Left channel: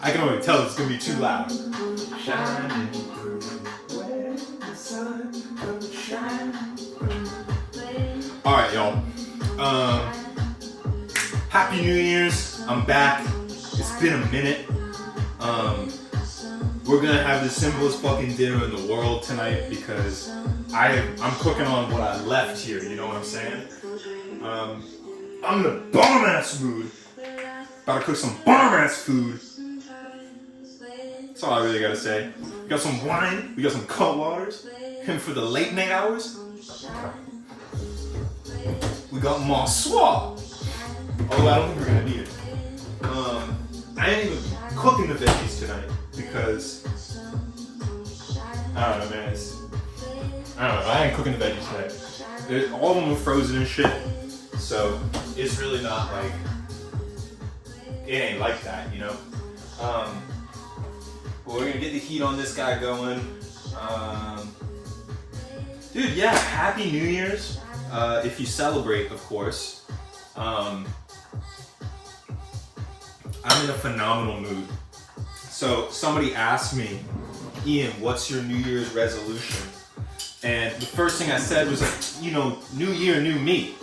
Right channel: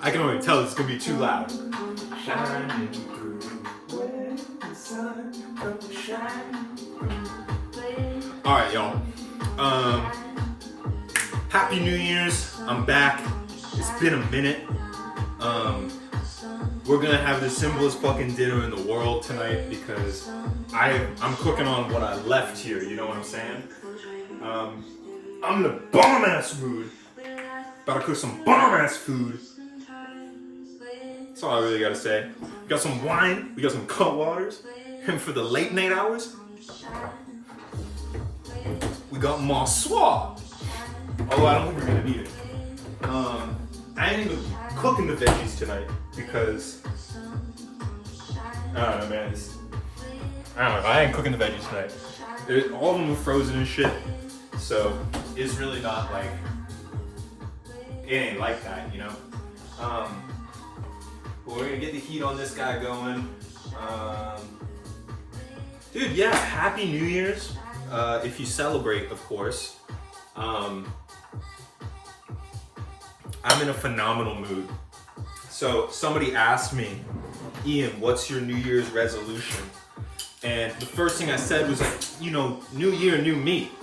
I can already tell it's gonna be too loud. Alright, y'all. Happy New Year's. I'm back. It's been a minute. We're gonna have the simplest fucking dinner in the world tonight because I'm cooking on what I left here, you know what I'm saying? I'm in a bomb-ass mood. About to cook some bomb-ass food. That's all I really gotta say. We got some wine, we got some cut waters, and for the late night hours, we got Maswa. Although I don't think we're gonna need it. I ain't even cooking the veggies tonight because I don't know, man. I don't know. I ain't cooking the veggies tonight. All of them are frozen and shit, so it's really not like it ain't like that, you know. But we're gonna get the heat on this guy going. Dude, yeah. Happy New Year's. If you celebrate, of course. I'm in a phenomenal mood. So somebody asked me, Ian, what's your New Year's resolution? And the first thing I said was like, you know, new year, new me.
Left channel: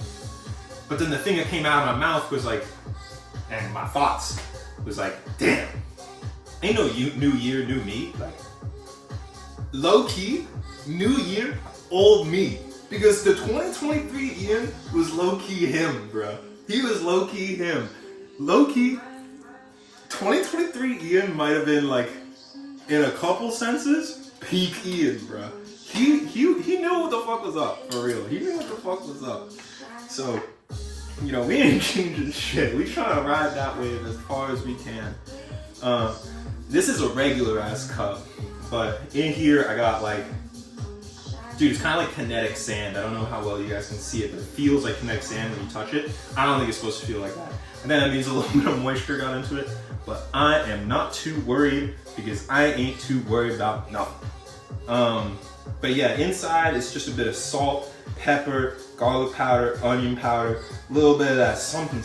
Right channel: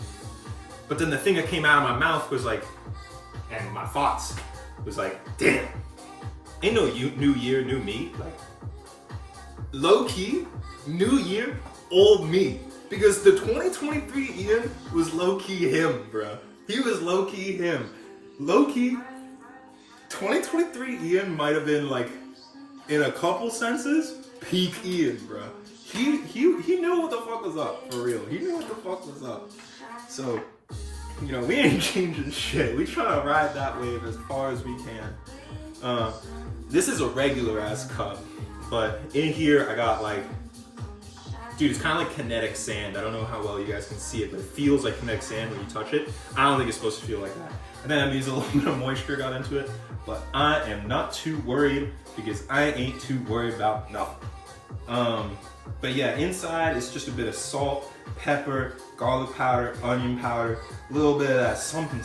But then the thing that came out of my mouth was like, and my thoughts was like, damn, ain't no new year, new me. Like, low key, new year, old me. Because the 2023 Ian was low key him, bruh. He was low key him. Low key, 2023 Ian might have been like, in a couple senses, peak Ian, bruh. He knew what the fuck was up, for real. He knew what the fuck was up. So, you know, we ain't changing shit. We trying to ride that wave as far as we can. This is a regular ass cup, but in here I got like, dude, it's kind of like kinetic sand. I don't know how well you guys can see it, but it feels like kinetic sand when you touch it. I don't think it's supposed to feel like that. And then that means a little bit of moisture got into it, but I am not too worried because I ain't too worried about nothing. But yeah, inside it's just a bit of salt, pepper, garlic powder, onion powder, a little bit of that something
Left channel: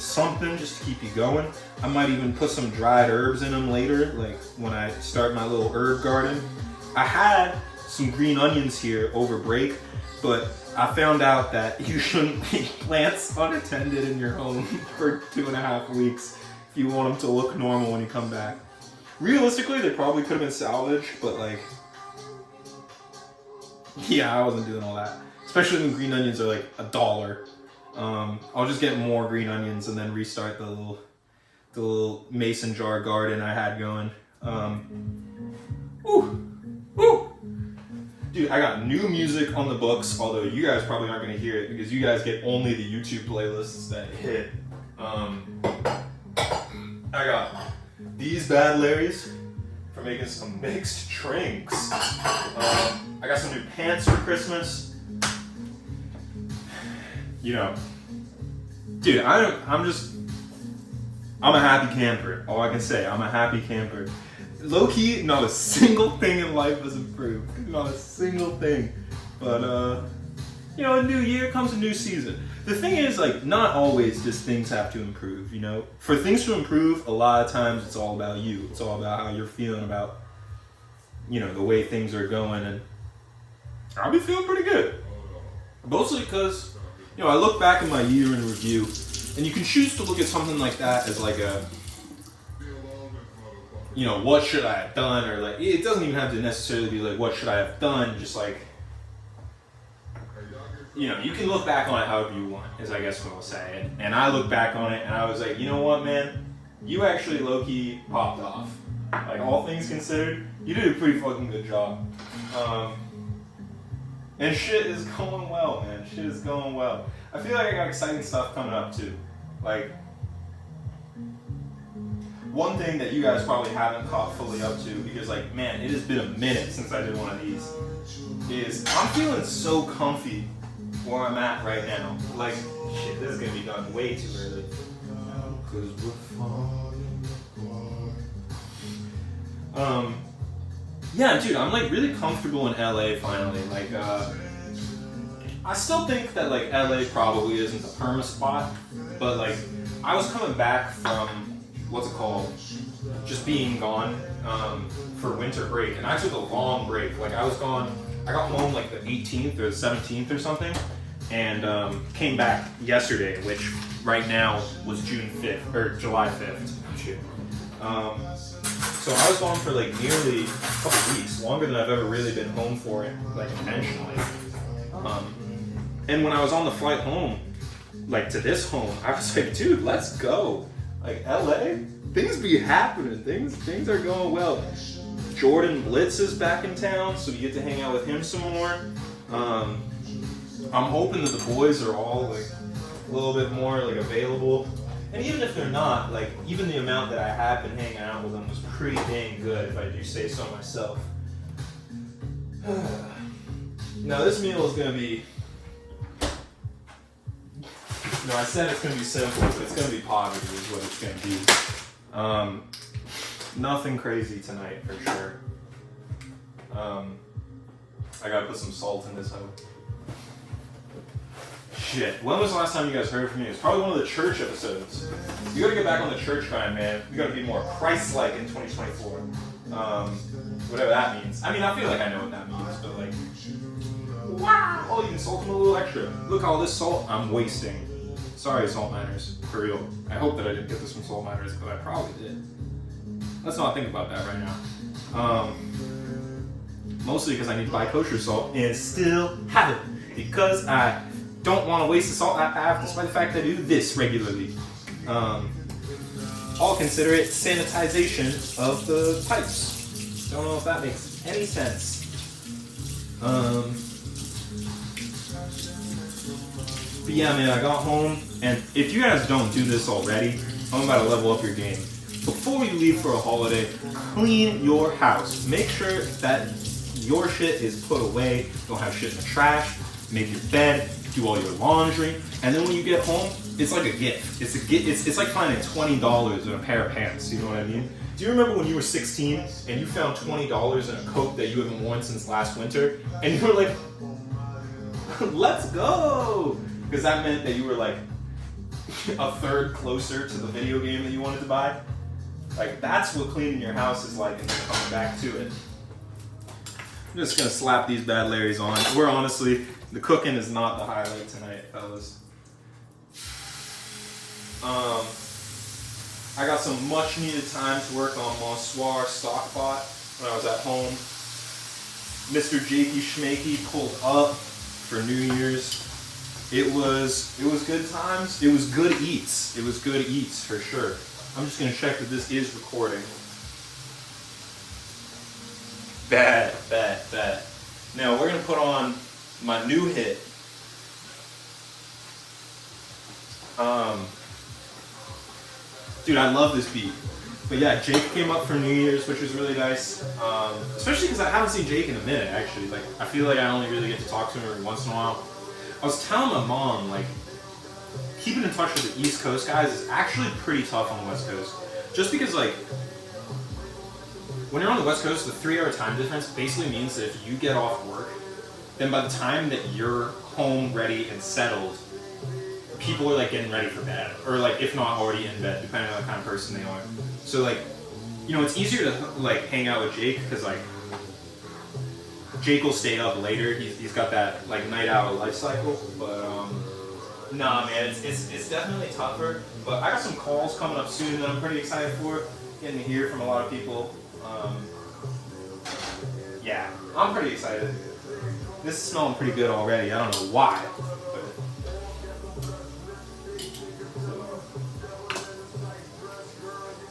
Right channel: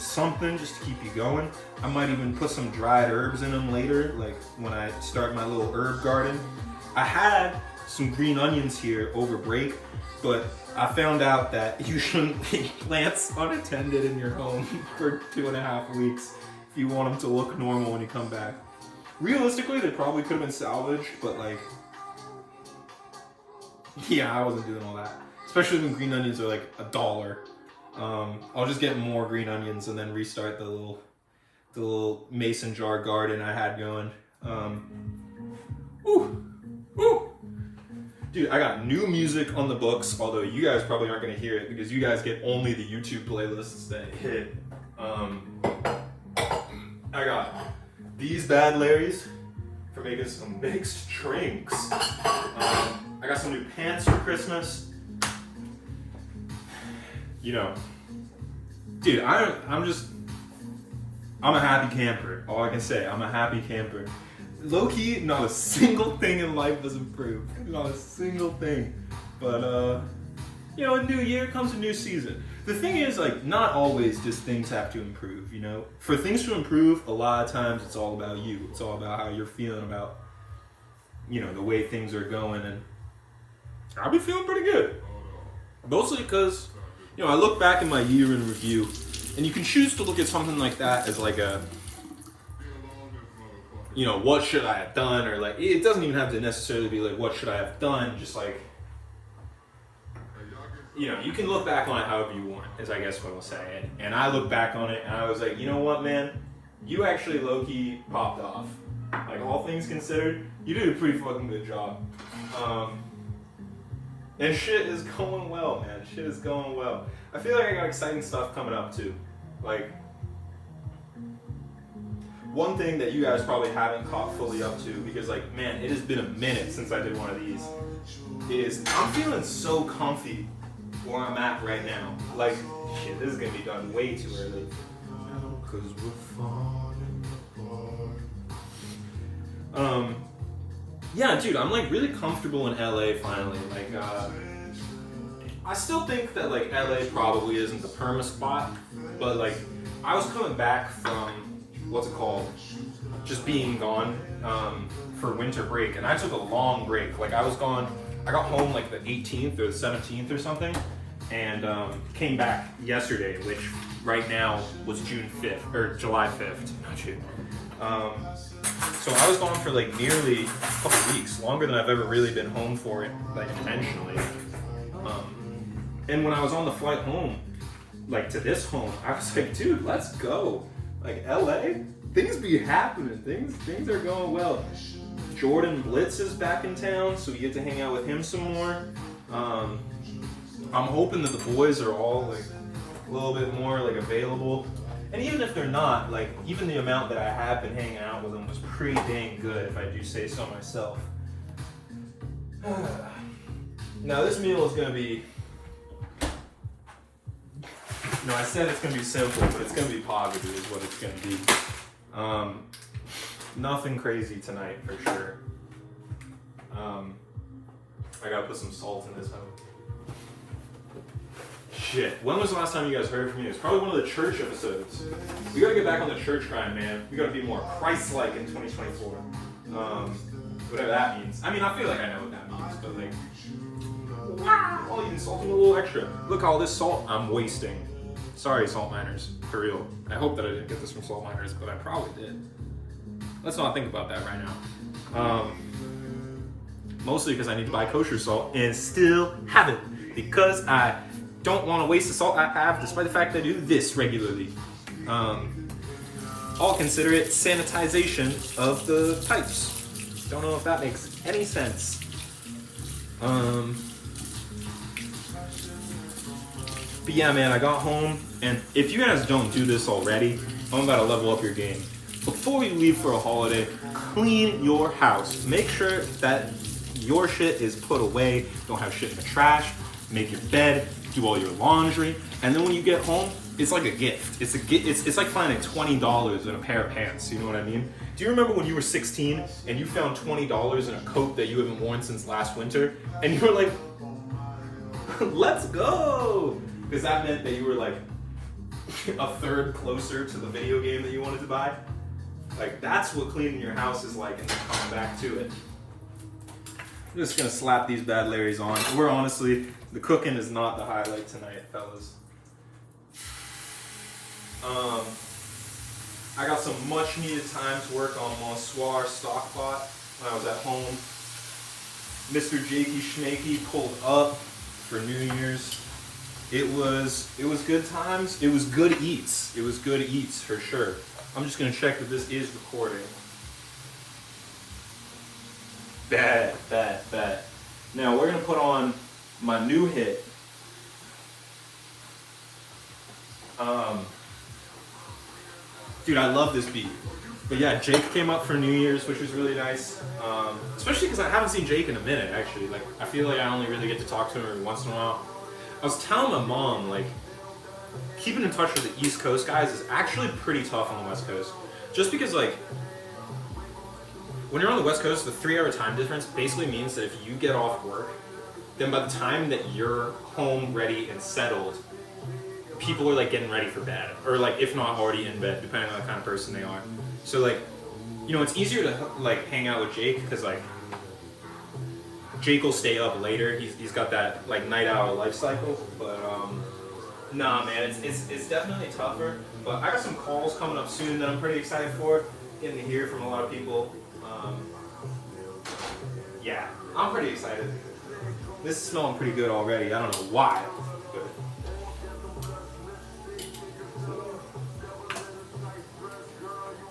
just to keep you going. I might even put some dried herbs in them later, like when I start my little herb garden. I had some green onions here over break, but I found out that you shouldn't leave plants unattended in your home for 2.5 weeks if you want them to look normal when you come back. Realistically, they probably could have been salvaged, but like, yeah, I wasn't doing all that. Especially when green onions are like $1. I'll just get more green onions and then restart the little mason jar garden I had going. Dude, I got new music on the books, although you guys probably aren't gonna hear it because you guys get only the YouTube playlists that hit. I got these bad Larrys for making some mixed drinks. I got some new pants for Christmas. You know, dude, I'm a happy camper. All I can say, I'm a happy camper. Low key, not a single thing in life has improved. Not a single thing. But you know, a new year comes a new season. The thing is, like, not always does things have to improve, you know? For things to improve, a lot of times it's all about you. It's all about how you're feeling about, you know, the way things are going, and I'll be feeling pretty good. Mostly because, you know, I look back at my year in review, and you can choose to look at something like that as like a, you know, what should I have done, or like, it doesn't even have to necessarily be like, what should I have done, just like, you know, you can look back on it however you want, is I guess what I'll say. And I look back on it and I was like, you know what, man? You actually low-key popped off. Like, all things considered, you did a pretty fucking good job. And shit is going well, man. Shit is going well. I feel like I got exciting stuff coming up too. Like, one thing that you guys probably haven't caught fully up to, because like, man, it has been a minute since I did one of these, is I'm feeling so comfy where I'm at right now. Like, shit, this is gonna be done way too early. Cause we're falling. Yeah, dude, I'm like really comfortable in LA finally. Like, I still think that like LA probably isn't the perma spot, but like, I was coming back from, what's it called? just being gone for winter break, and I took a long break. Like I got home like the 18th or the 17th or something, and came back yesterday, which right now was June 5th or July 5th. Oh shit. So I was gone for like nearly a couple weeks, longer than I've ever really been home for it, like intentionally. And when I was on the flight home, like to this home, I was like, dude, let's go. Like LA, things be happening. Things are going well. Jordan Blitz is back in town, so we get to hang out with him some more. I'm hoping that the boys are all like a little bit more like available. And even if they're not, like even the amount that I have been hanging out with them was pretty dang good, if I do say so myself. Now this meal is gonna be, no, I said it's gonna be simple, but it's gonna be poverty is what it's gonna be. Nothing crazy tonight for sure. I gotta put some salt in this hoe. Shit, when was the last time you guys heard from me? It's probably one of the church episodes. We gotta get back on the church grind, man. We gotta be more Christ-like in 2024. Whatever that means. I mean, I feel like I know what that means, but like, wow, oh, you can salt them a little extra. Look, all this salt I'm wasting. Sorry, salt miners, for real. I hope that I didn't get this from salt miners, but I probably did. Let's not think about that right now. Mostly because I need to buy kosher salt and still have it because I don't want to waste the salt I have, despite the fact that I do this regularly. I'll consider it sanitization of the pipes. Don't know if that makes any sense. But yeah, man, I got home, and if you guys don't do this already, I'm about to level up your game. Before you leave for a holiday, clean your house. Make sure that your shit is put away. Don't have shit in the trash. Make your bed. Do all your laundry, and then when you get home, it's like a gift. It's a gift. It's like finding $20 in a pair of pants. You know what I mean? Do you remember when you were 16 and you found $20 in a coat that you haven't worn since last winter, and you were like, "Let's go," because that meant that you were like a third closer to the video game that you wanted to buy. Like that's what cleaning your house is like, and then coming back to it. I'm just gonna slap these bad Larrys on. We're honestly. The cooking is not the highlight tonight, fellas. I got some much needed time to work on Monsoir Stockpot when I was at home. Mr. Jakey Schmakey pulled up for New Year's. It was good times. It was good eats. It was good eats for sure. I'm just gonna check that this is recording. Bad. Now we're gonna put on my new hit. Dude, I love this beat. But yeah, Jake came up for New Year's, which was really nice. Especially because I haven't seen Jake in a minute, actually. Like, I feel like I only really get to talk to him every once in a while. I was telling my mom, like, keeping in touch with the East Coast guys is actually pretty tough on the West Coast. Just because, like, when you're on the West Coast, the 3-hour time difference basically means that if you get off work, then by the time that you're home, ready, and settled, people are like getting ready for bed, or like if not already in bed, depending on the kind of person they are. So like, you know, it's easier to like hang out with Jake because like Jake will stay up later. He's got that like night owl life cycle. But nah, man, it's definitely tougher. But I got some calls coming up soon that I'm pretty excited for. Getting to hear from a lot of people. Yeah, I'm pretty excited. This is smelling pretty good already. I don't know why.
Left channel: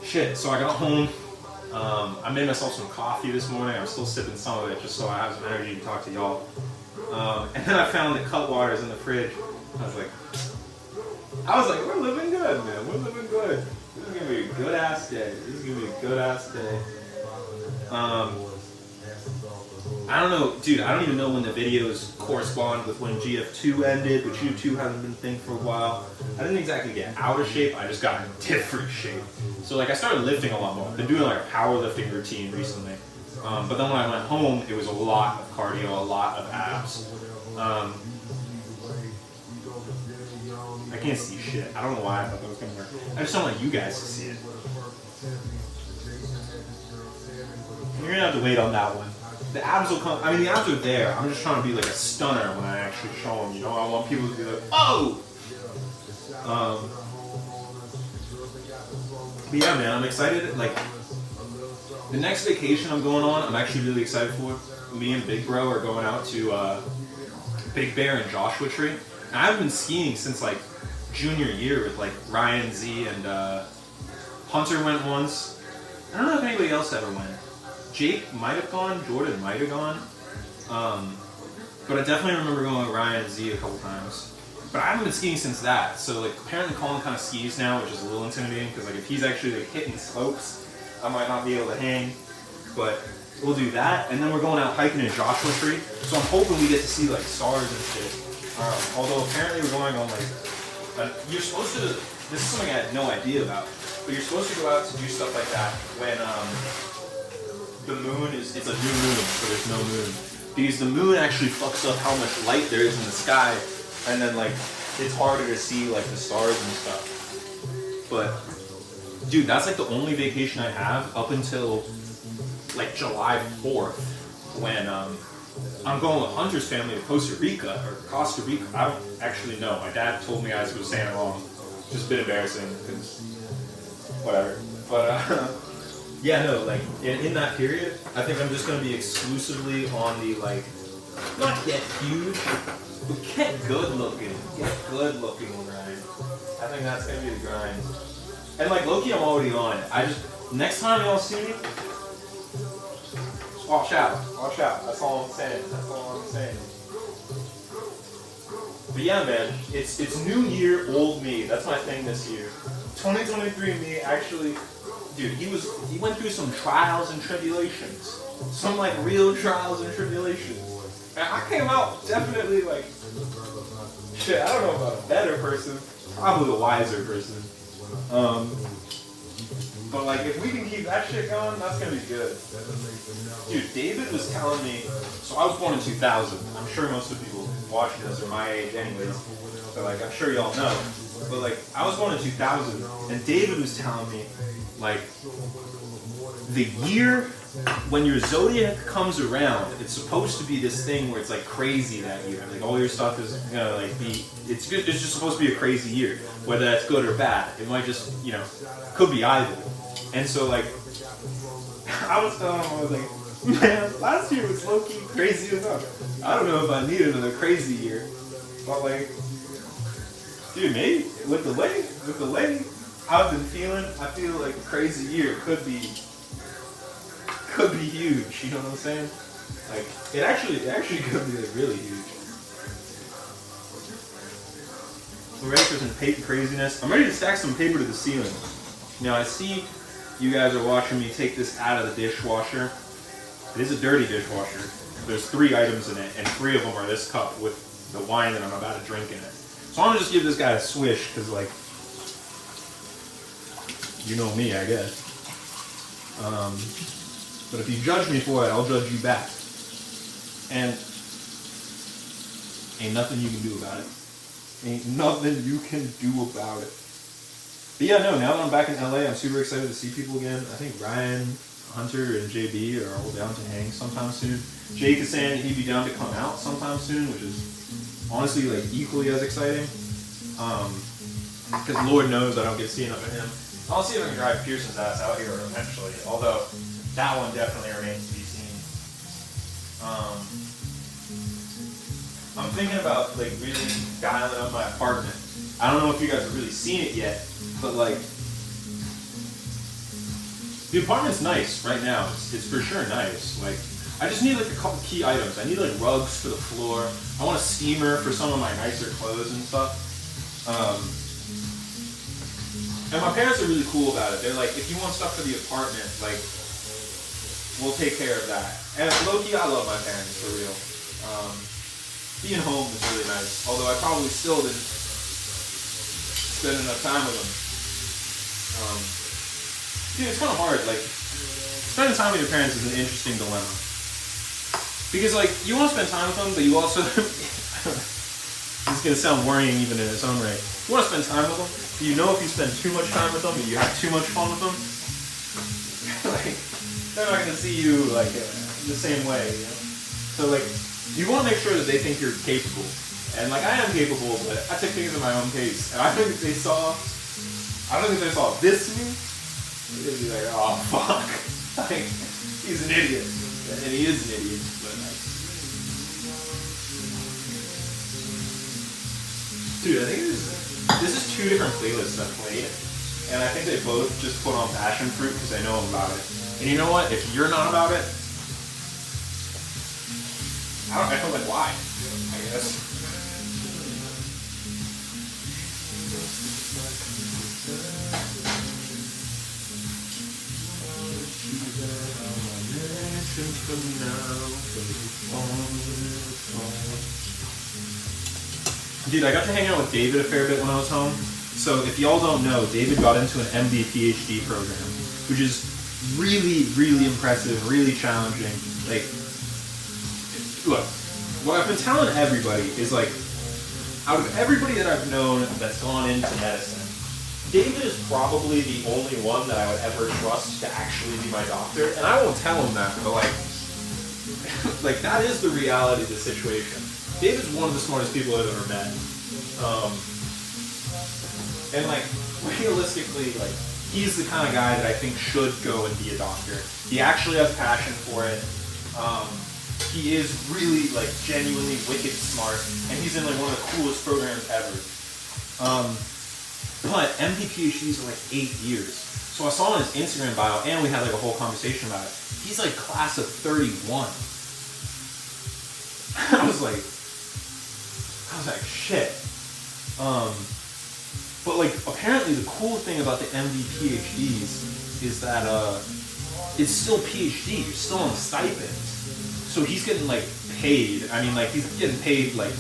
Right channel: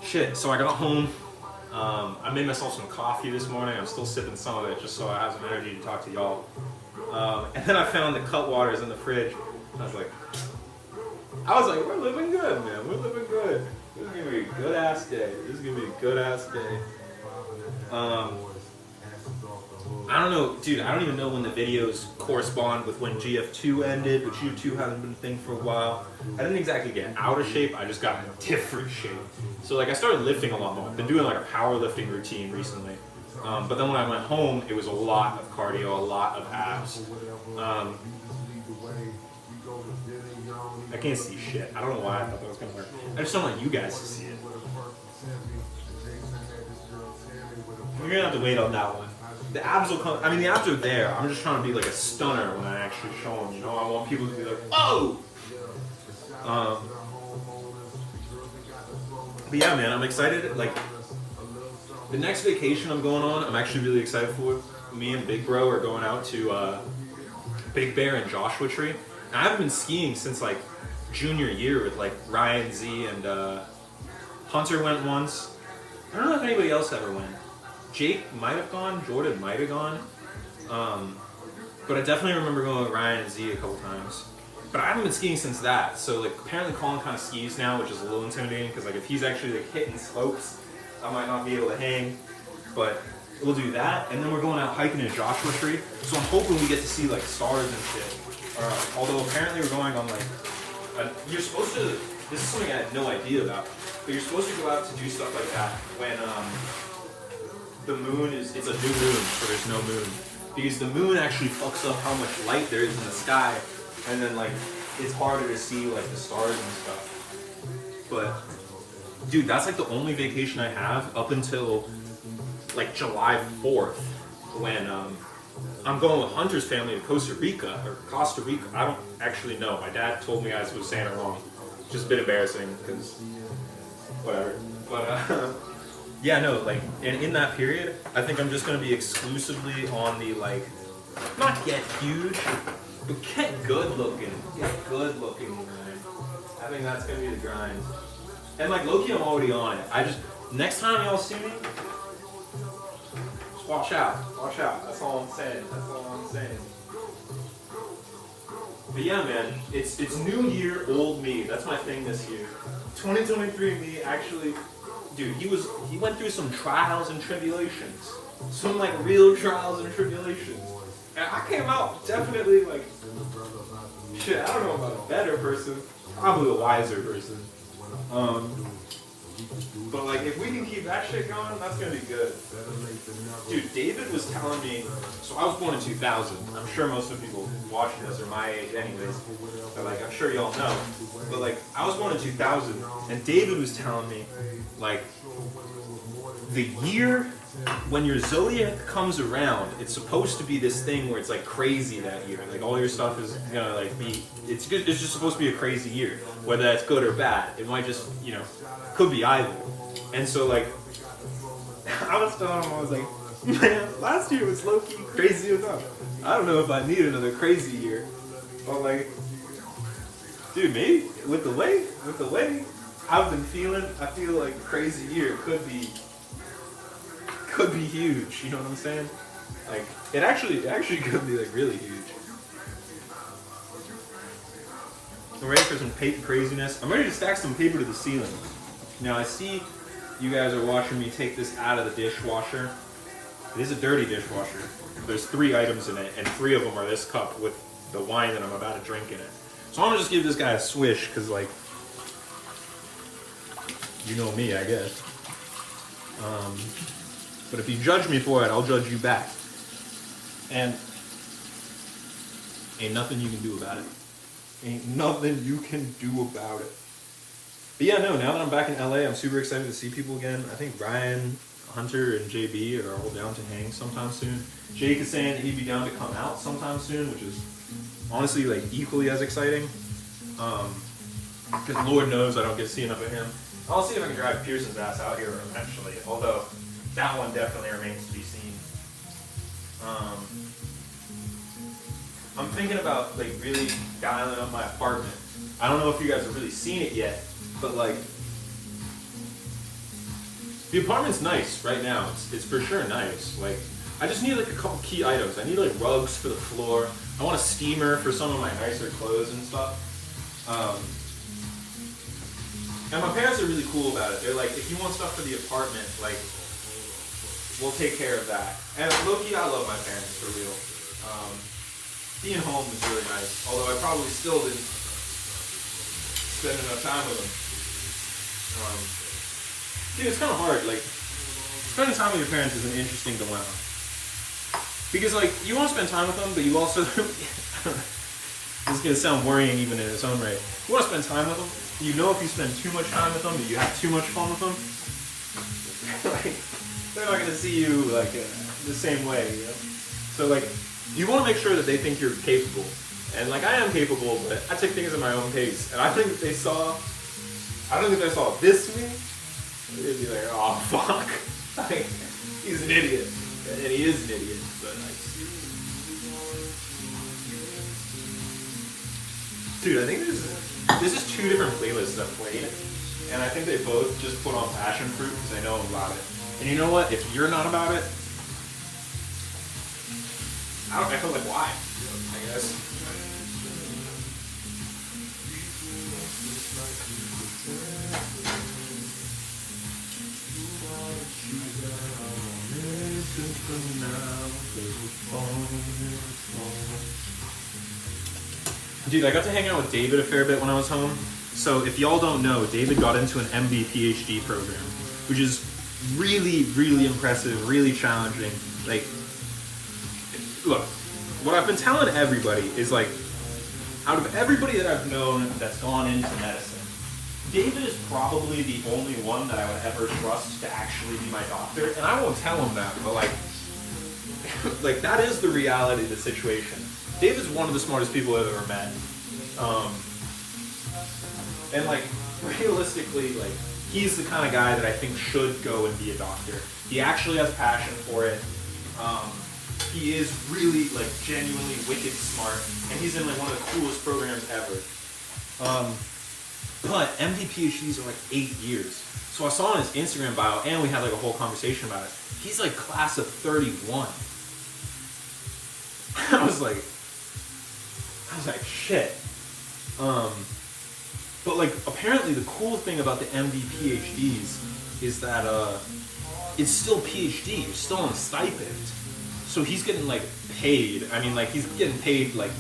Shit, so I got home. I made myself some coffee this morning. I'm still sipping some of it just so I have some energy to talk to y'all. And then I found the Cutwaters in the fridge. I was like, we're living good, man. We're living good. This is gonna be a good ass day. I don't know, dude, I don't even know when the videos correspond with when GF2 ended, which GF2 hasn't been a thing for a while. I didn't exactly get out of shape, I just got in different shape. So like I started lifting a lot more. I've been doing like a powerlifting routine recently. But then when I went home, it was a lot of cardio, a lot of abs. I can't see shit. I don't know why I thought that was gonna work. I just don't want you guys to see it. You're gonna have to wait on that one. The abs will come. I mean, the abs are there. I'm just trying to be like a stunner when I actually show them. You know, I want people to be like, "Oh!" But yeah, man, I'm excited. Like, the next vacation I'm going on, I'm actually really excited for. Me and Big Bro are going out to Big Bear and Joshua Tree. And I haven't been skiing since like junior year with like Ryan Z and Hunter went once. I don't know if anybody else ever went. Jake might have gone, Jordan might have gone. But I definitely remember going with Ryan and Z a couple times. But I haven't been skiing since that. So like apparently Colin kind of skis now, which is a little intimidating because like if he's actually like hitting slopes, I might not be able to hang. But we'll do that. And then we're going out hiking in Joshua Tree. So I'm hoping we get to see like stars and shit. Although apparently we're going on like, you're supposed to, this is something I had no idea about, but you're supposed to go out to do stuff like that when the moon is, it's a new moon, so there's no moon. Because the moon actually fucks up how much light there is in the sky, and then like, it's harder to see like the stars and stuff. But, dude, that's like the only vacation I have up until like July 4th, when I'm going with Hunter's family to Costa Rica. I don't actually know. My dad told me I was saying it wrong. Just a bit embarrassing, because whatever. But yeah, no, like in that period, I think I'm just gonna be exclusively on the like, not get huge, but get good looking grind. I think that's gonna be the grind. And like low-key, I'm already on it. Next time y'all see me, just watch out. That's all I'm saying. But yeah, man, it's new year, old me. That's my thing this year. 2023 me actually, dude, he went through some trials and tribulations. Some like real trials and tribulations. And I came out definitely like, shit, I don't know about a better person, probably a wiser person. But like, if we can keep that shit going, that's gonna be good. Dude, David was telling me, so I was born in 2000. I'm sure most of the people watching this are my age anyways. So like, I'm sure y'all know. But like, I was born in 2000, and David was telling me, like, the year when your zodiac comes around, it's supposed to be this thing where it's like crazy that year. Like all your stuff is gonna like be, it's just supposed to be a crazy year. Whether that's good or bad. It might just, you know, could be either. And so like, I was telling him, I was like, man, last year was low-key crazy enough. I don't know if I need another crazy year. But like, dude, maybe with the way I've been feeling, I feel like a crazy year could be huge. You know what I'm saying? Like, it actually could be like really huge. I'm ready for some paper craziness. I'm ready to stack some paper to the ceiling. Now I see you guys are watching me take this out of the dishwasher. It is a dirty dishwasher. There's 3 items in it, and 3 of them are this cup with the wine that I'm about to drink in it. So I'm gonna just give this guy a swish, because like, you know me, I guess. But if you judge me for it, I'll judge you back. And ain't nothing you can do about it. Ain't nothing you can do about it. But yeah, no, now that I'm back in LA, I'm super excited to see people again. I think Brian, Hunter, and JB are all down to hang sometime soon. Jake is saying that he'd be down to come out sometime soon, which is honestly like equally as exciting. Because Lord knows I don't get to see enough of him. I'll see if I can drive Pearson's ass out here eventually, although that one definitely remains to be seen. I'm thinking about like really dialing up my apartment. I don't know if you guys have really seen it yet, but like, the apartment's nice right now. It's for sure nice. Like, I just need like a couple key items. I need like rugs for the floor. I want a steamer for some of my nicer clothes and stuff. And my parents are really cool about it. They're like, if you want stuff for the apartment, like, we'll take care of that. And low-key, I love my parents, for real. Being home is really nice. Although I probably still didn't spend enough time with them. Dude, it's kind of hard. Like, spending time with your parents is an interesting dilemma. Because, like, you want to spend time with them, but you also... This is going to sound worrying even in its own right. You want to spend time with them, but you know if you spend too much time with them, and you have too much fun with them, like, they're not gonna see you like the same way. You know? So like, you want to make sure that they think you're capable, and like I am capable, but I take things at my own pace. And I think if they saw, this in me, they'd be like, oh fuck, like, he's an idiot, and he is an idiot. But like, dude, I think this is 2 different playlists I've played, and I think they both just put on passion fruit because they know I'm about it. And you know what? If you're not about it, I feel like why? I guess. Dude, I got to hang out with David a fair bit when I was home. So if y'all don't know, David got into an MD PhD program, which is really, really impressive, really challenging. Like, look, what I've been telling everybody is like, out of everybody that I've known that's gone into medicine, David is probably the only one that I would ever trust to actually be my doctor. And I won't tell him that, but like, like that is the reality of the situation. David's one of the smartest people I've ever met. And like, realistically, like, he's the kind of guy that I think should go and be a doctor. He actually has passion for it. He is really, like, genuinely wicked smart, and he's in, like, one of the coolest programs ever. But MD PhDs are, like, 8 years. So I saw on his Instagram bio, and we had, like, a whole conversation about it. He's, like, class of 31. I was like, shit. But, like, apparently the cool thing about the MD PhDs is that, it's still PhD. You're still on a stipend. So he's getting, like, paid. I mean, like, he's getting paid, like,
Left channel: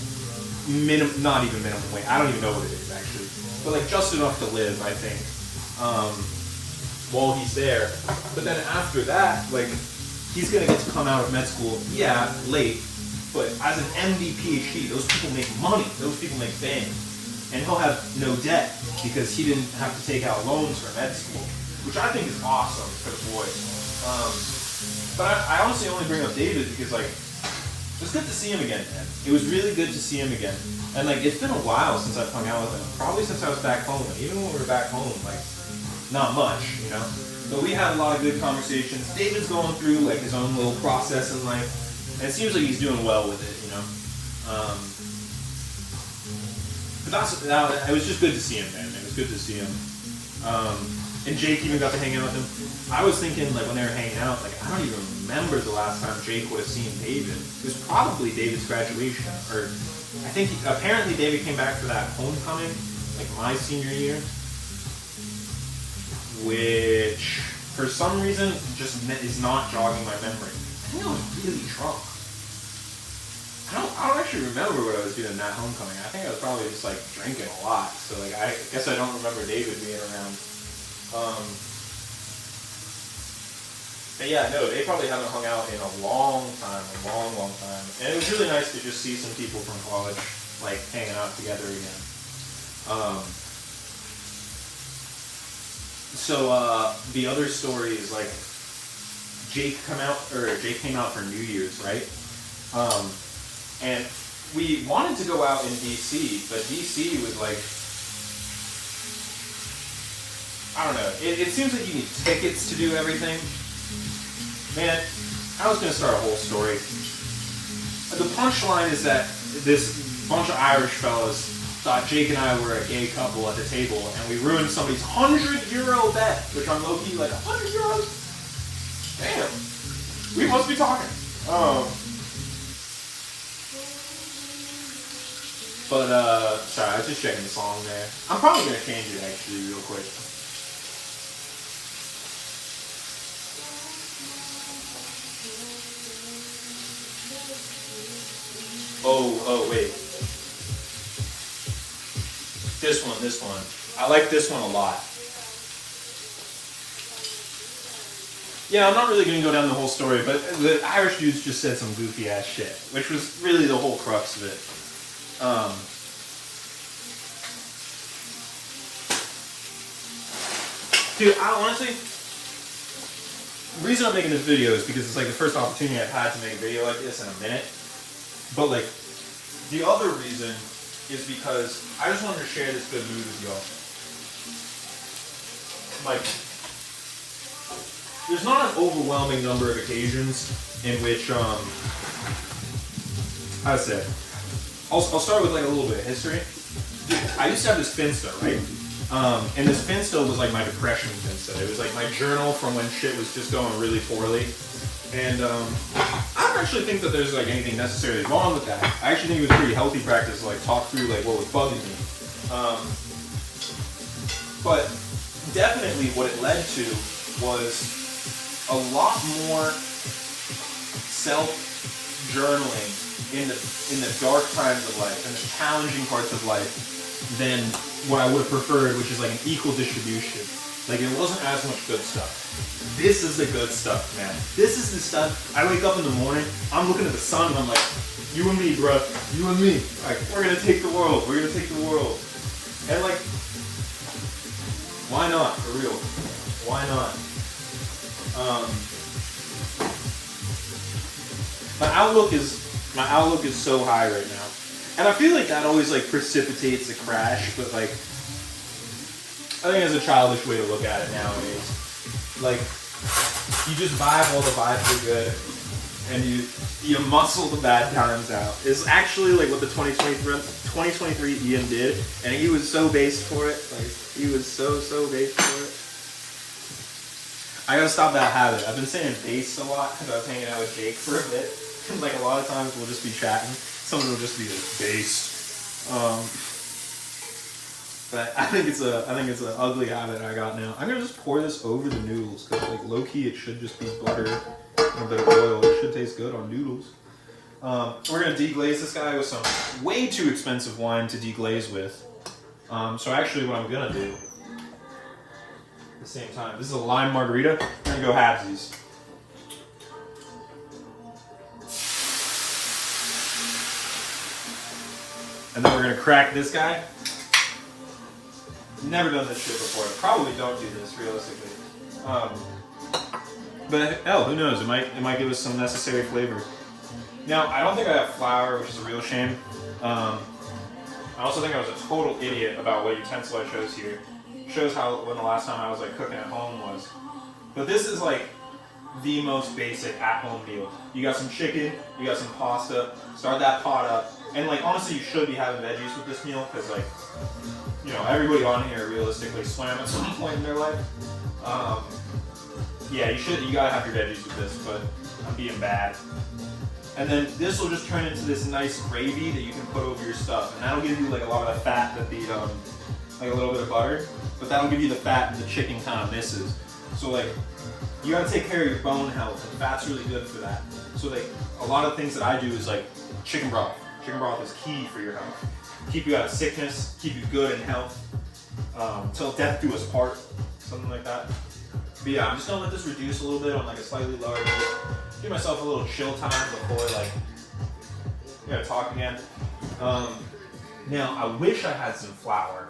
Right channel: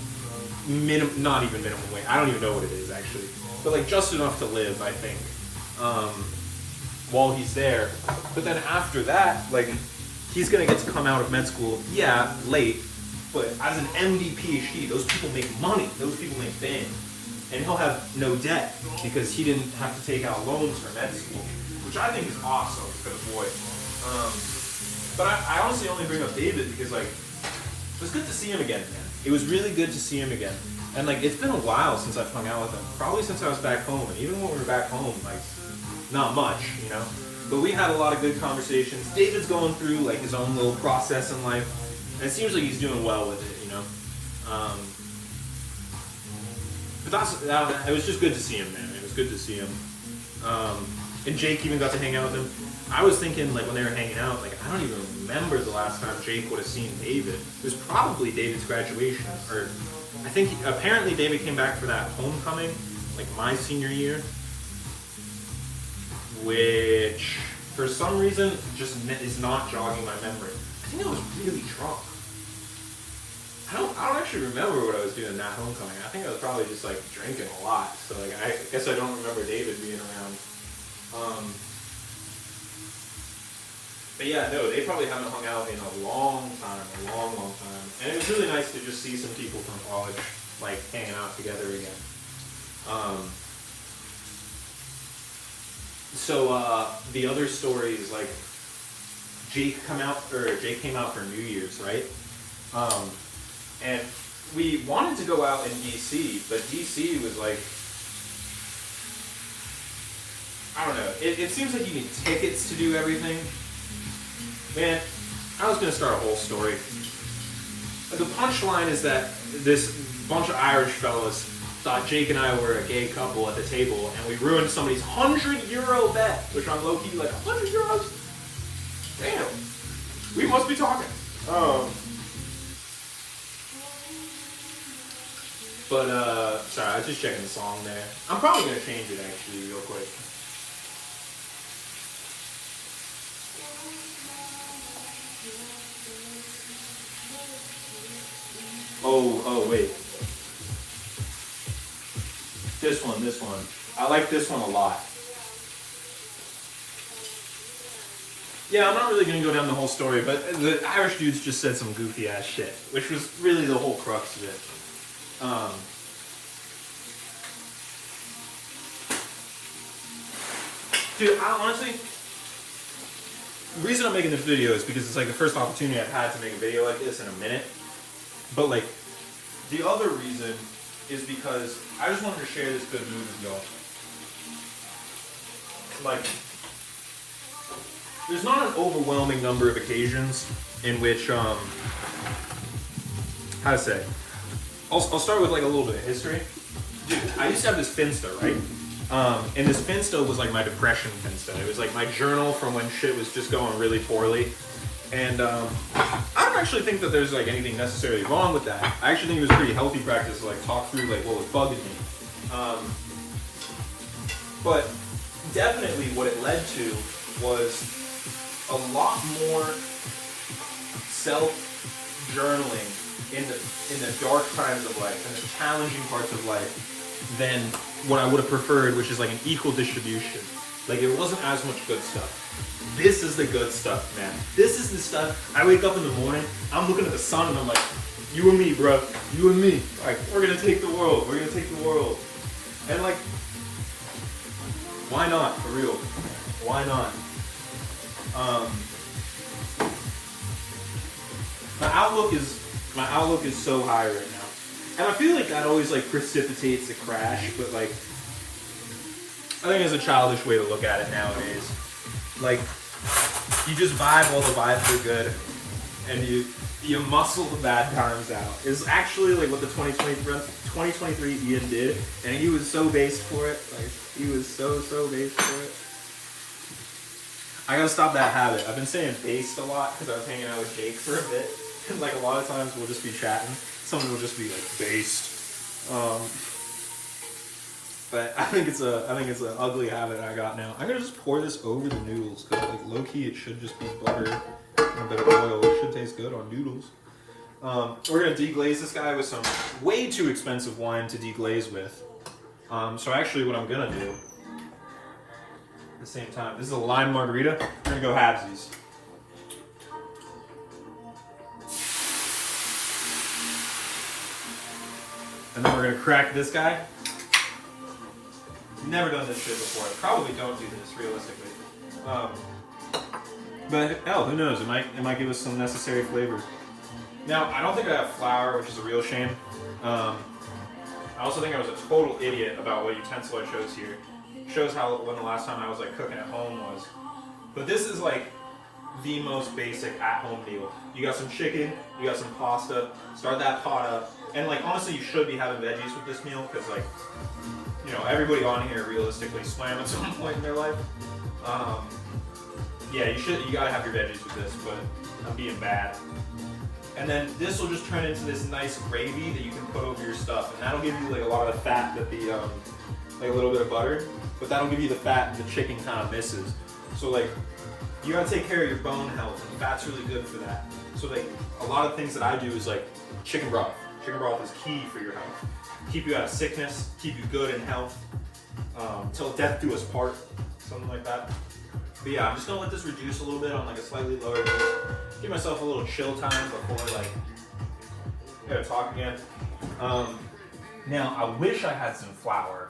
not even minimum wage. I don't even know what it is, actually. But, like, just enough to live, I think, while he's there. But then after that, like, he's going to get to come out of med school, yeah, late. But as an MD, PhD, those people make money. Those people make bank. And he'll have no debt because he didn't have to take out loans for med school, which I think is awesome for the boy. But I honestly only bring up David because, like, it was good to see him again, man. It was really good to see him again. And, like, it's been a while since I've hung out with him. Probably since I was back home. And even when we were back home, like, not much, you know? But we had a lot of good conversations. David's going through, like, his own little process in life. And it seems like he's doing well with it, you know? But it was just good to see him, man. It was good to see him. And Jake even got to hang out with him. I was thinking, like, when they were hanging out, like, I don't even remember the last time Jake would have seen David. It was probably David's graduation. Or, I think, apparently David came back for that homecoming, like, my senior year. Which, for some reason, just is not jogging my memory. I think I was really drunk. I don't actually remember what I was doing that homecoming. I think I was probably just, like, drinking a lot. So, like, I guess I don't remember David being around. But yeah, no, they probably haven't hung out in a long time. And it was really nice to just see some people from college, like, hanging out together again. So the other story is, like, Jake came out for New Year's, right? And we wanted to go out in DC, but DC was like, I don't know. It seems like you need tickets to do everything. Man, I was going to start a whole story. The punchline is that this bunch of Irish fellas thought Jake and I were a gay couple at the table, and we ruined somebody's €100 bet, which I'm low-key like, €100? Damn. We must be talking. But, sorry, I was just checking the song there. I'm probably going to change it, actually, real quick. Oh, wait. This one. I like this one a lot. Yeah, I'm not really going to go down the whole story, but the Irish dudes just said some goofy-ass shit, which was really the whole crux of it. Dude, I honestly, the reason I'm making this video is because it's like the first opportunity I've had to make a video like this in a minute. But like, the other reason is because I just wanted to share this good mood with y'all. Like, there's not an overwhelming number of occasions in which, how to say, I'll start with like a little bit of history. Dude, I used to have this Finsta, right? And this Finsta was like my depression Finsta. It was like my journal from when shit was just going really poorly. And I don't actually think that there's like anything necessarily wrong with that. I actually think it was a pretty healthy practice to like talk through like what was bugging me. But definitely what it led to was a lot more self-journaling in the dark times of life and the challenging parts of life than what I would have preferred, which is like an equal distribution. Like, it wasn't as much good stuff. This is the good stuff, man. This is the stuff. I wake up in the morning, I'm looking at the sun, and I'm like, you and me, bro. You and me. Like, we're gonna take the world. We're gonna take the world. And like, why not? For real. Why not? My outlook is so high right now. And I feel like that always like precipitates a crash, but like, I think it's a childish way to look at it nowadays. Like, you just vibe, all the vibes are good, and you muscle the bad times out. It's actually like what the 2023 Ian did, and he was so based for it. Like, he was so based for it. I gotta stop that habit. I've been saying based a lot because I was hanging out with Jake for a bit. Like, a lot of times we'll just be chatting. Someone will just be like based. But I think it's an ugly habit I got now. I'm gonna just pour this over the noodles because like low key it should just be butter and a bit of oil. It should taste good on noodles. We're gonna deglaze this guy with some way too expensive wine to deglaze with. So actually, what I'm gonna do at the same time, this is a lime margarita. I'm gonna go halvesies. And then we're gonna crack this guy. Never done this shit before. Probably don't do this realistically. But hell, who knows? It might give us some necessary flavor. Now, I don't think I have flour, which is a real shame. I also think I was a total idiot about what utensil I chose here. Shows how when the last time I was like cooking at home was. But this is like the most basic at-home meal. You got some chicken, you got some pasta. Start that pot up, and like honestly, you should be having veggies with this meal because like, you know, everybody on here realistically swam at some point in their life. Yeah, you gotta have your veggies with this, but I'm being bad. And then this will just turn into this nice gravy that you can put over your stuff, and that'll give you like a lot of the fat that the like a little bit of butter, but that'll give you the fat the chicken kind of misses. So like, you gotta take care of your bone health, and fat's really good for that. So like, a lot of things that I do is like chicken broth. Chicken broth is key for your health. Keep you out of sickness, keep you good in health, till death do us part, something like that. But yeah, I'm just gonna let this reduce a little bit on like a slightly lower heat. Give myself a little chill time before like, we gotta talk again. Now, I wish I had some flour.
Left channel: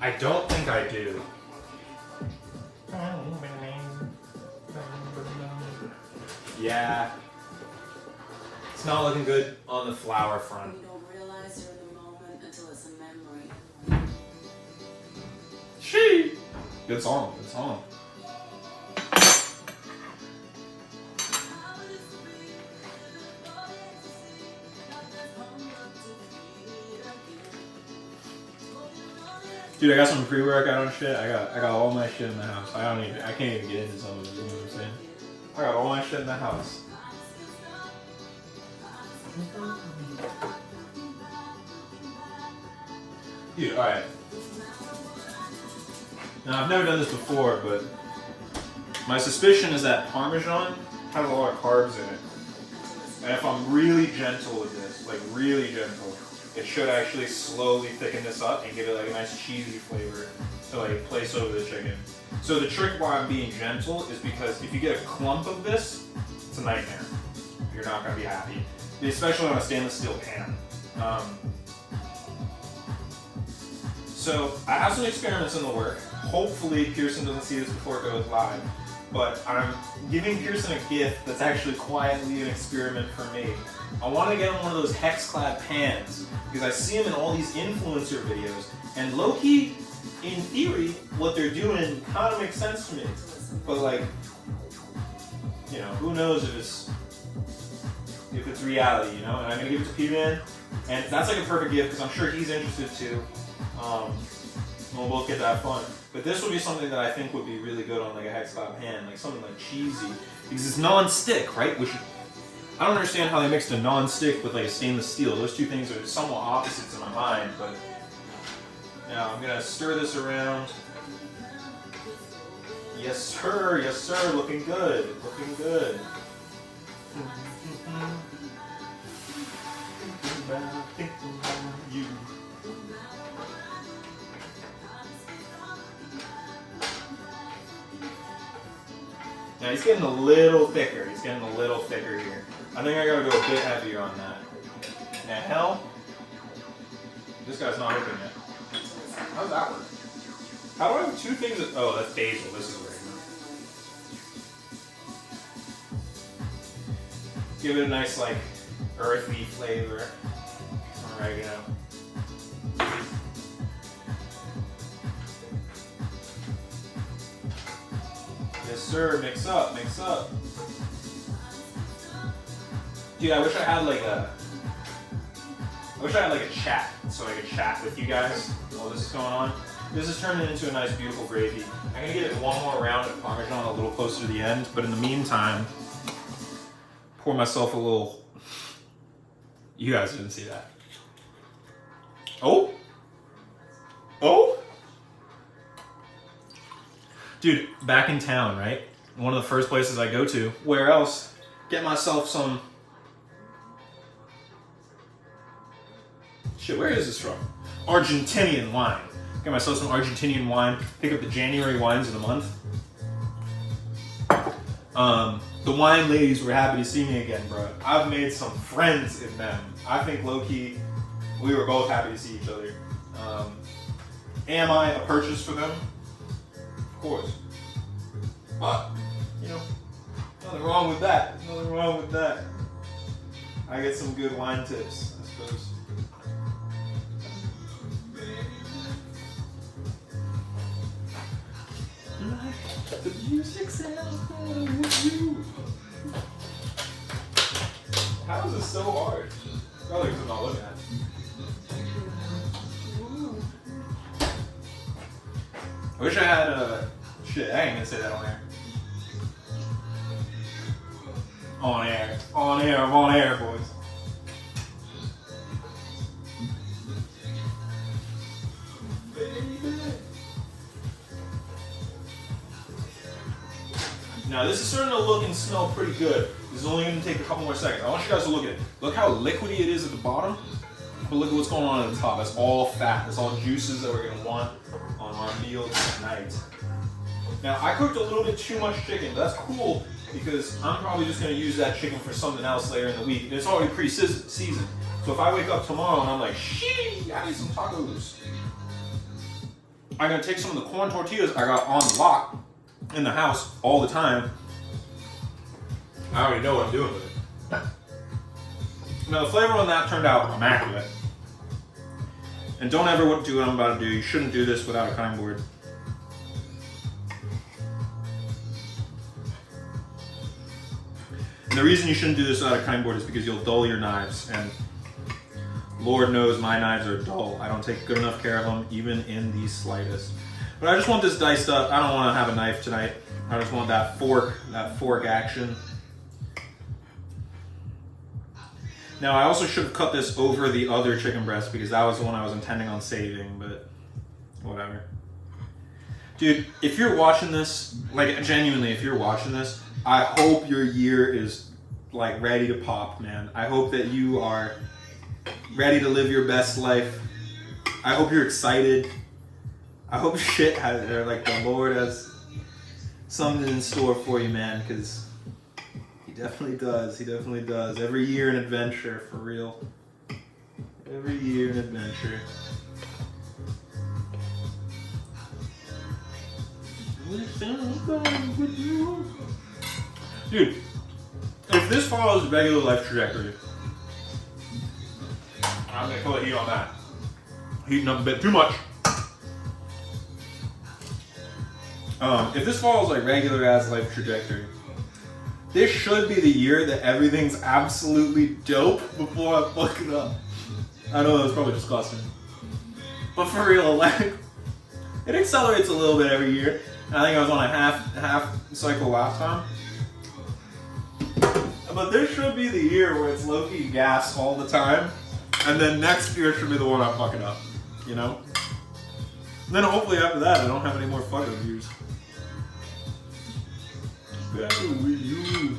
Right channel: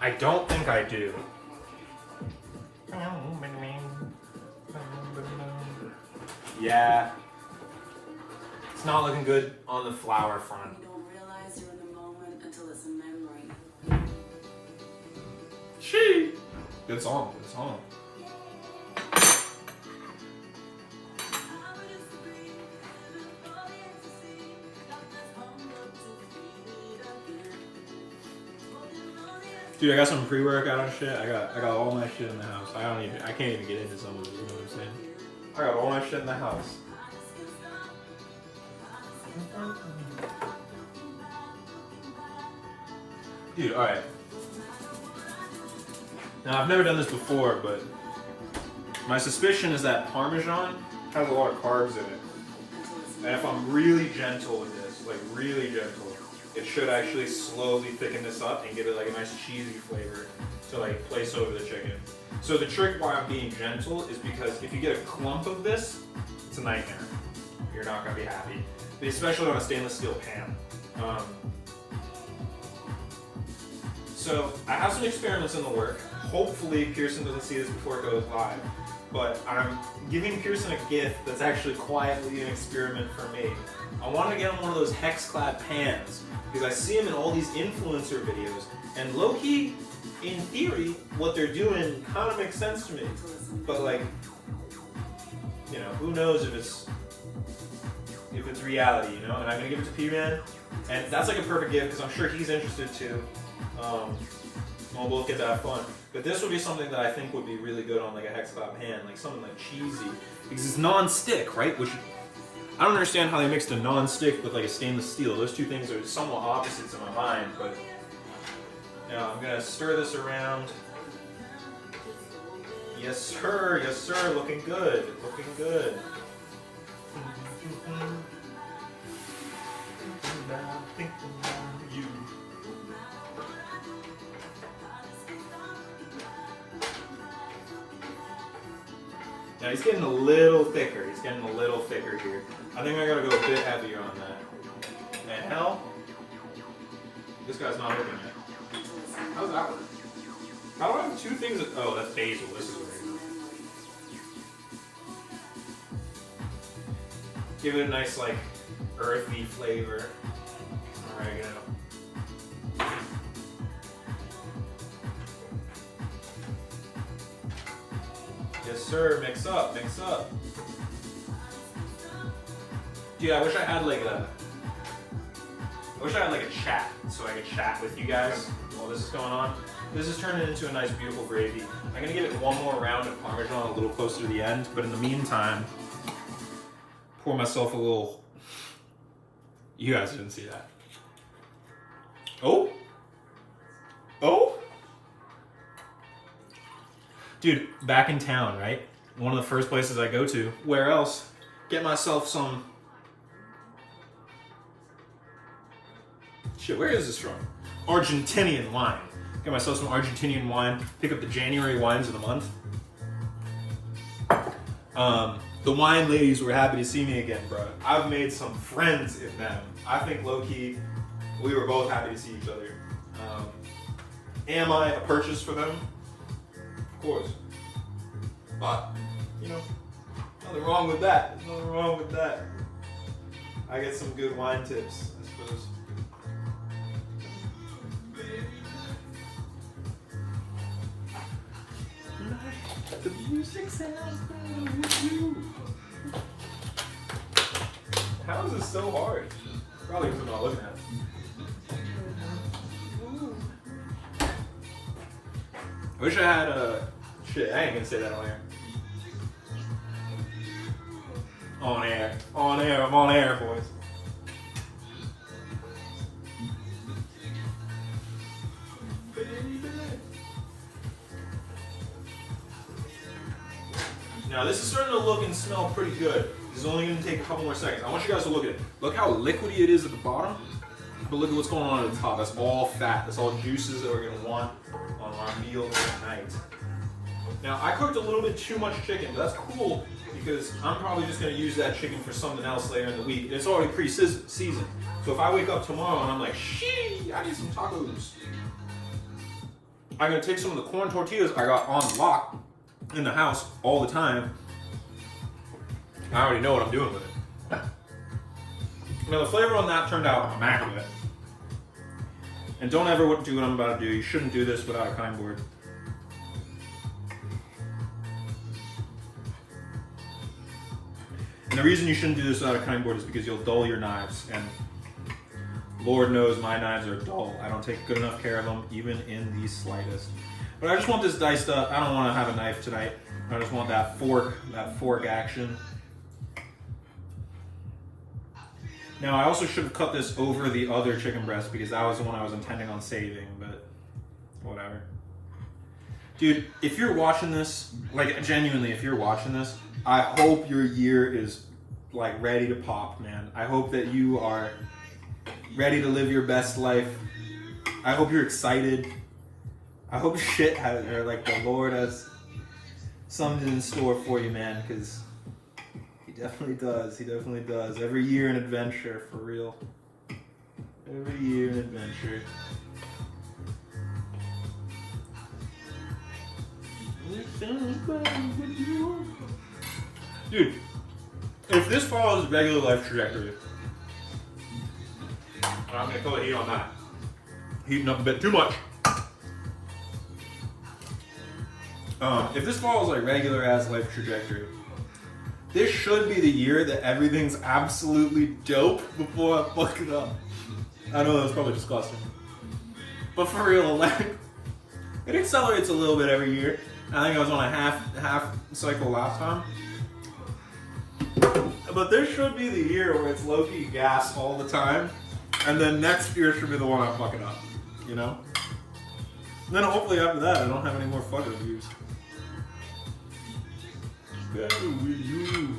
I don't think I do. Yeah. It's not looking good on the flour front. She. Good song. Good song. Dude, I got some pre-workout on shit. I got all my shit in the house. I can't even get into some of it, you know what I'm saying? I got all my shit in the house. Dude, alright. Now, I've never done this before, but my suspicion is that Parmesan has a lot of carbs in it. And if I'm really gentle with this, like really gentle, it should actually slowly thicken this up and give it like a nice cheesy flavor to like place over the chicken. So the trick why I'm being gentle is because if you get a clump of this, it's a nightmare. You're not gonna be happy, especially on a stainless steel pan. So I have some experiments in the work. Hopefully Pearson doesn't see this before it goes live. But I'm giving Pearson a gift that's actually quietly an experiment for me. I want to get him one of those hex-clad pans because I see him in all these influencer videos, and low-key, in theory, what they're doing kind of makes sense to me. But like, you know, who knows if it's reality, you know? And I'm gonna give it to P-Man, and that's like a perfect gift because I'm sure he's interested too. We'll both get to have fun. But this would be something that I think would be really good on like a hex-clad pan, like something like cheesy, because it's non-stick, right? Which I don't understand how they mixed a non-stick with like a stainless steel. Those two things are somewhat opposites in my mind, but now I'm gonna stir this around. Yes sir, looking good, looking good. Now he's getting a little thicker. He's getting a little thicker here. I think I gotta go a bit heavier on that. And hell, this guy's not open yet. How does that work? How do I have two things? Oh, that's basil. This is right. Give it a nice like earthy flavor. Oregano. Yes, sir. Mix up, mix up. Dude, I wish I had like a chat so I could chat with you guys while this is going on. This is turning into a nice, beautiful gravy. I'm gonna give it one more round of Parmesan a little closer to the end, but in the meantime, pour myself a little. You guys didn't see that. Oh. Dude, back in town, right? One of the first places I go to. Where else? Get myself some. Shit, where is this from? Argentinian wine. Get myself some Argentinian wine. Pick up the January wines of the month. The wine ladies were happy to see me again, bro. I've made some friends in them. I think low-key, we were both happy to see each other. Am I a purchase for them? Of course. But, you know, nothing wrong with that. Nothing wrong with that. I get some good wine tips, I suppose. The music sounds better with you. How is this so hard? Probably because I'm not looking at it. I wish I had a. Shit, I ain't gonna say that on air. On air, boys. Now this is starting to look and smell pretty good. This is only going to take a couple more seconds. I want you guys to look at it. Look how liquidy it is at the bottom, but look at what's going on at the top. That's all fat. That's all juices that we're going to want on our meal tonight. Now I cooked a little bit too much chicken, but that's cool because I'm probably just going to use that chicken for something else later in the week. And it's already pre-seasoned. So if I wake up tomorrow and I'm like, shee, I need some tacos. I'm going to take some of the corn tortillas I got on lock in the house all the time. I already know what I'm doing with it. Now the flavor on that turned out immaculate. And don't ever do what I'm about to do. You shouldn't do this without a kind board. And the reason you shouldn't do this without a kind board is because you'll dull your knives. And Lord knows my knives are dull. I don't take good enough care of them, even in the slightest. But I just want this diced up. I don't want to have a knife tonight. I just want that fork action. Now I also should have cut this over the other chicken breast because that was the one I was intending on saving, but whatever. Dude, if you're watching this, like genuinely, if you're watching this, I hope your year is like ready to pop, man. I hope that you are ready to live your best life. I hope you're excited. I hope shit has, or like the Lord has something in store for you, man, because He definitely does. He definitely does. Every year an adventure, for real. Every year an adventure. Dude, if this follows regular life trajectory, I'm gonna put the heat on that. Heating up a bit too much. If this follows like regular ass life trajectory, this should be the year that everything's absolutely dope before I fuck it up. I know that was probably disgusting. But for real, like, it accelerates a little bit every year. I think I was on a half cycle last time. But this should be the year where it's low-key gas all the time. And then next year should be the one I'm fucking up. You know? And then hopefully after that I don't have any more fucking views. Better with you.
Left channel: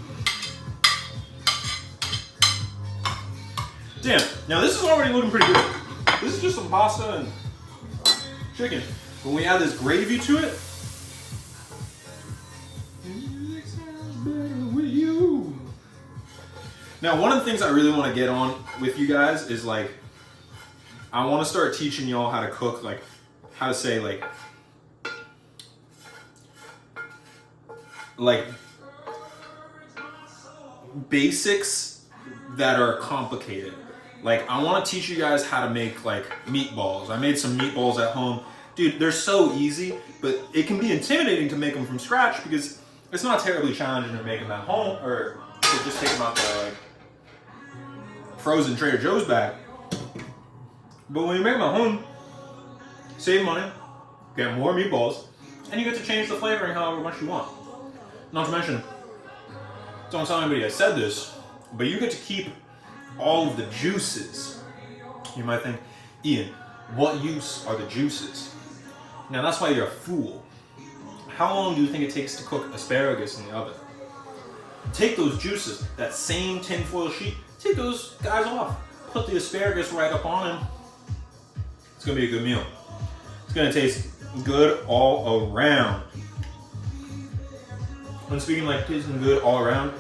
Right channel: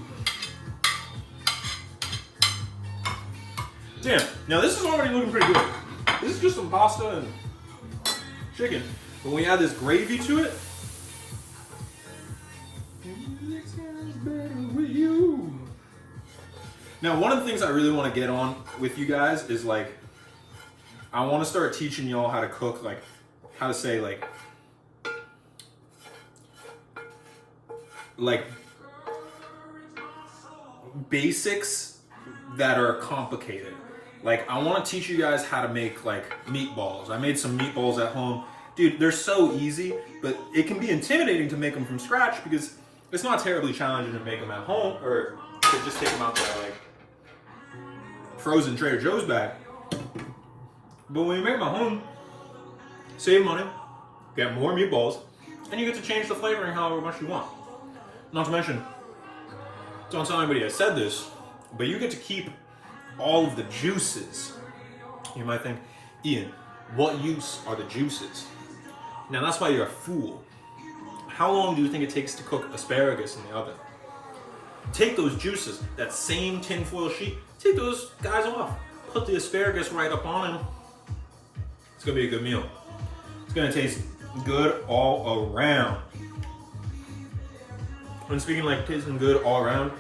Damn, now this is already looking pretty good. This is just some pasta and chicken. When we add this gravy to it, now one of the things I really want to get on with you guys is like, I want to start teaching y'all how to cook, like how to say like basics that are complicated. Like, I want to teach you guys how to make like meatballs. I made some meatballs at home. Dude, they're so easy, but it can be intimidating to make them from scratch because it's not terribly challenging to make them at home or to just take them out the like frozen Trader Joe's bag. But when you make them at home, save money, get more meatballs, and you get to change the flavoring however much you want. Not to mention, don't tell anybody I said this, but you get to keep all of the juices. You might think, Ian, what use are the juices? Now that's why you're a fool. How long do you think it takes to cook asparagus in the oven? Take those juices, that same tinfoil sheet, take those guys off. Put the asparagus right up on them. It's gonna be a good meal. It's gonna taste good all around. And speaking like tasting good all around,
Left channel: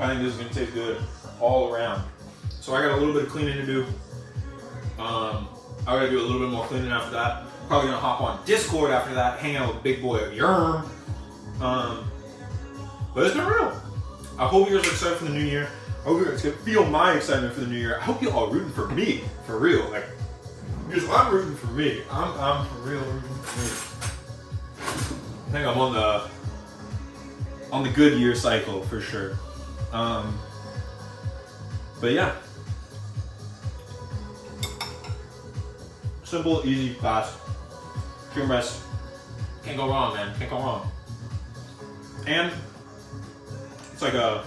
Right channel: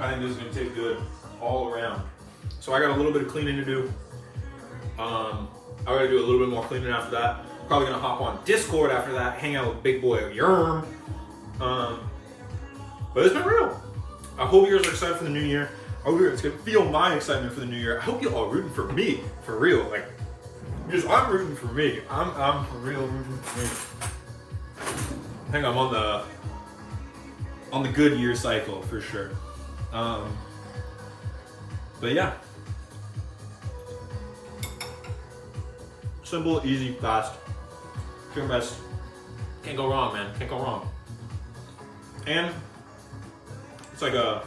I think this is gonna taste good all around. So I got a little bit of cleaning to do. I gotta do a little bit more cleaning after that. Probably gonna hop on Discord after that, hang out with Big Boy Yerm. But it's been real. I hope you guys are excited for the new year. I hope you guys can feel my excitement for the new year. I hope you all rooting for me, for real. Like, because I'm rooting for me. I'm for real rooting for me. I think I'm on the good year cycle for sure. But yeah. Simple, easy, fast. Chicken breast. Can't go wrong, man. Can't go wrong. And it's like this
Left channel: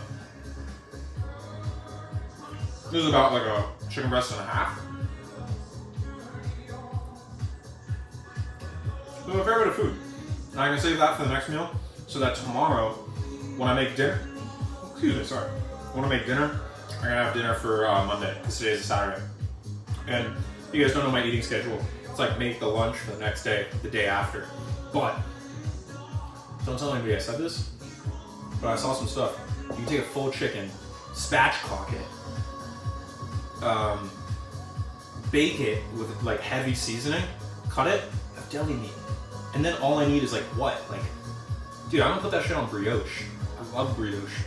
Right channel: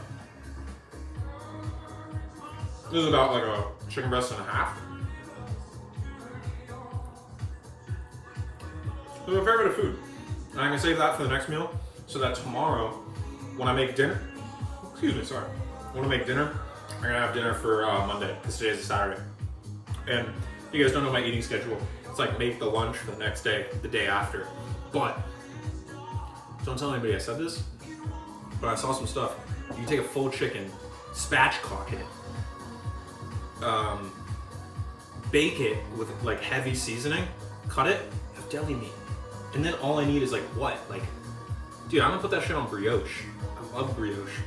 is about like a chicken breast and a half. So a fair bit of food. And I can save that for the next meal so that tomorrow when I make dinner, when I make dinner, I'm gonna have dinner for Monday because today's a Saturday. And you guys don't know my eating schedule. It's like make the lunch for the next day, the day after. But don't tell anybody I said this, but I saw some stuff. You can take a full chicken, spatchcock it, bake it with like heavy seasoning, cut it, have deli meat. And then all I need is like what? Like, dude, I'm gonna put that shit on brioche. I love brioche.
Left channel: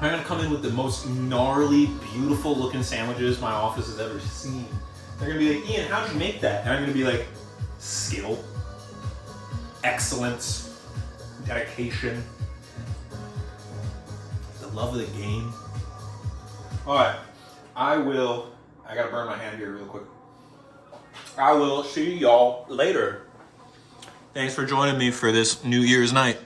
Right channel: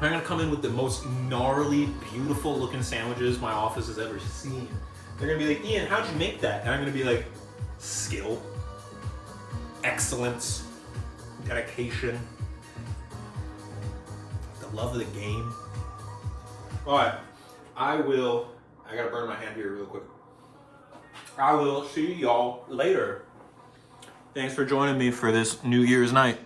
I'm gonna come in with the most gnarly, beautiful looking sandwiches my office has ever seen. They're gonna be like, Ian, how'd you make that? And I'm gonna be like, skill, excellence, dedication, the love of the game. All right, I gotta burn my hand here real quick. I will see y'all later. Thanks for joining me for this New Year's night.